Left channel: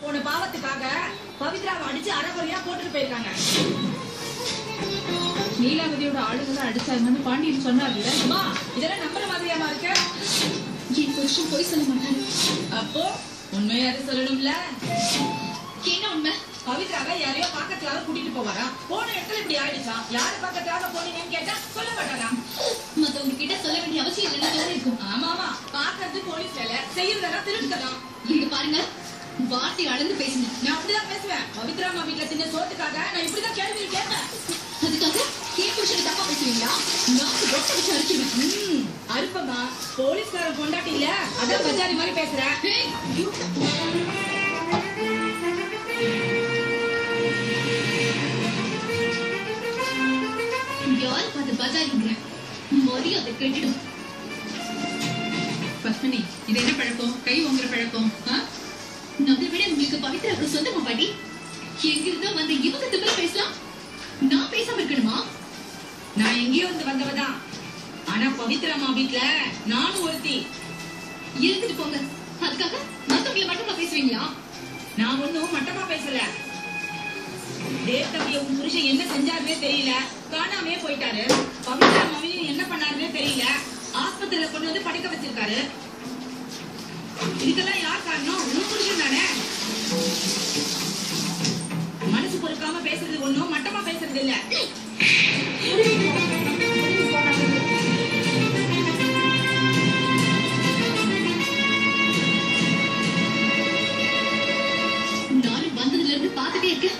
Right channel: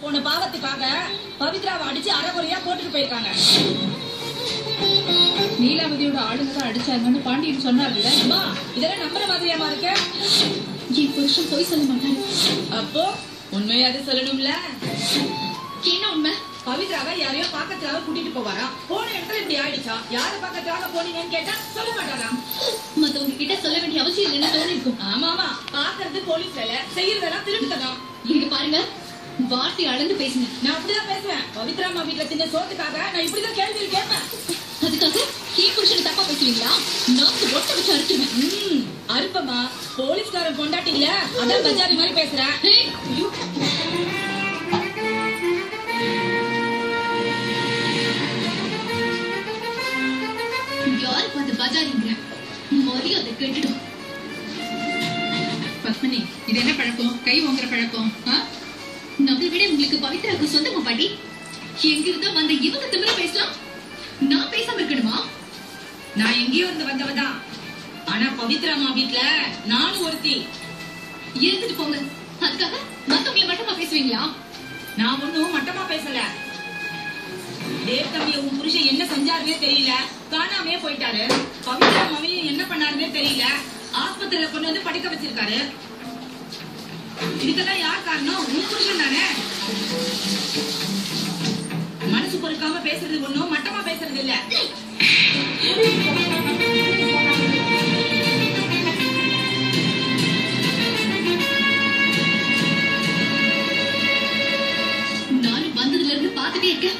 போன பாவத்துக்காக பவித்ராவை அடிச்சு அரைகுறையா போட்டுட்டு போயிருக்காங்க. நீலாவதியோட ஆளுங்க தான் அடிச்சாங்கன்னு பாண்டியன் சொன்னார்ல. அம்மா இதெல்லாம் நம்புற மாதிரியாமா இருக்கு? என் புருஷன் போய் சொல்ல மாட்டாரு. அப்போ உண்மையாவது சொல்லணும்ல. என்ன உண்மை? பவித்ராவை யாரையோ பாக்கத்துக்காக கூட்டிட்டு போவாரா? போன இடத்துல இப்படி ஆயிடுச்சா? யாரு பாக்கத்துக்காக போனீங்கன்னு கேட்டா சொல்ல மாட்டாரா? மத்தவங்க கிட்ட சொல்ல வேண்டிய அவசியம் இல்லைன்னு தோணிருக்கும். ஆமாமா, பாக்குறது போலீஸ் வேலை, செய்யறதெல்லாம் திருட்டுதான். இங்க பாருங்க, வார்த்தை அளந்து பேசுங்க. நான் அப்படிதான் பேசுவேன். பவித்ரா அம்மா வீட்டுல தின்ன சோத்துக்காக நான் இப்படிதான் கேள்வி கேட்பேன். அதுக்காக என் புருஷனை தப்பா பேசுவீங்களா? நாக்கு ரொட்ட வச்சு அறுத்துவேன். அருப்பமா, போலீஸ்காரன் பொண்டாட்டி இல்ல, அதான் பஜாரி மாதிரி பேசுறேன். யாரு பார்த்து பஜாரிங்க? மரியாதை கேட்டுடும். பத்மினி, இது என்ன பழக்கம்? கை வாங்குற பழக்கம்? நம்மளை விட உங்களுக்கு பவித்ராவுக்கு சொந்தமா பாட்டி? எங்கிருந்தா வந்த இவங்க திமிர பேசலாம், நான் பேசாம இருக்கணுமா? நான் எங்கேயோ இருந்து வந்தவதான். ஆனா பவித்ரா அம்மா வீட்டுல நானும் ஒருத்தி. இருந்துட்டு போங்க. அதுக்காக மத்தவங்களை மட்டமா பேசுவீங்களா? நான் ஒன்னும் மட்டமா பேசல. தேவ் தம்பி உன் புருஷன் என்ன செஞ்சாருன்னே தெரியல, காணாமே போயிட்டாரு. பவித்ரா அம்மாவையும் என்ன பண்ணாருன்னே தெரியல, ஆஸ்பத்திரியில கொண்டு வந்து படிக்க வச்சிருக்காரு. இதுக்கெல்லாம் யார் காரணம்? உன் புருஷன் தானே. மனசு பொறுக்காம பேசுறது ஒண்ணும், மட்டமா பேசுறது இல்ல. நானும் வந்ததுல இருந்து பாத்துட்டே இருக்கேன்.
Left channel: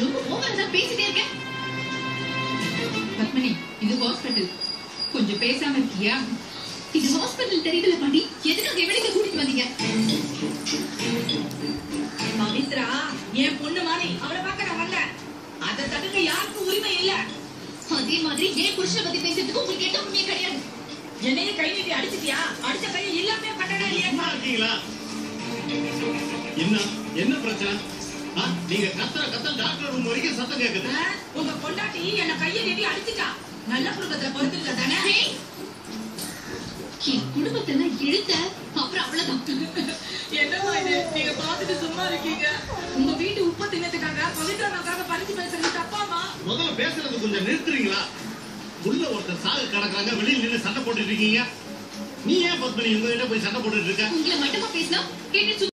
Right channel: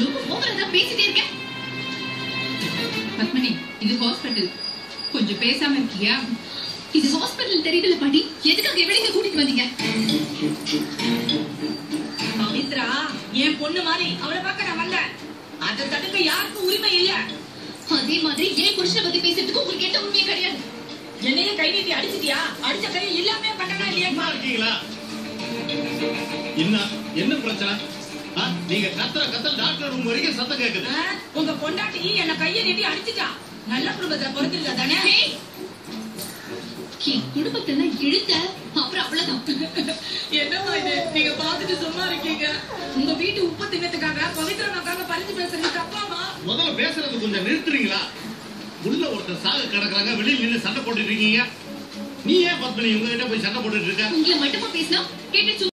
ரொம்ப ஓவரா தான் பேசிட்டே இருக்கேன். பத்மினி, இது ஹாஸ்பிட்டல், கொஞ்சம் பேசாம இருக்கியா? இது ஹாஸ்பிட்டல் தெரியுதுல பாட்டி, எதுக்காக இவளைங்க கூட்டிட்டு வந்தீங்க? பவித்ரா என் பொண்ணு மாதிரி, அவளை பார்க்க நான் வரல. அதை தடுக்க யாருக்கும் உரிமை இல்ல. அதே மாதிரி என் புருஷனை பத்தி பேசுறதுக்கு உங்களுக்கு எந்த உண்மையே கிடையாது. என்னையே கை நீட்டி அடிச்சிட்டியா? அடிச்ச கை இல்லாம பண்ணனா இல்லையா? இருக்கீங்களா? என்ன பிரச்சனை? நீங்க கத்தல் டாக்டர் ரூம் வரைக்கும் சத்தம் கேக்குது. உங்க பொண்டாட்டி என்ன கையை நீட்டி அடிச்சிட்டா. நல்ல குடும்பத்துல பிறந்திருக்கா தானே? என் குடும்பத்தை இழுத்த அப்புறம் அவ்வளவுதான். என்னமா இது, நீங்க பாத்துட்டு சும்மா இருக்கீங்க? உங்க வீட்டு உப்பு தின்னத்துக்காக பவித்ரா அம்மாக்காக பறிச்சு பேசுறது தப்பாமா? முதல்ல பேசுறது கொஞ்சம் நிறுத்துறீங்களா? உள்ள ஒருத்தர் சாக கிடக்குறாங்க, வெளியில் நின்று சண்டை போட்டுட்டு இருக்கீங்க. நீ ஏன் பத்மினி உங்ககிட்ட போய் சண்டை போட்டுட்டு இருக்க? உங்களை மட்டுமா பேசினா கேட்டு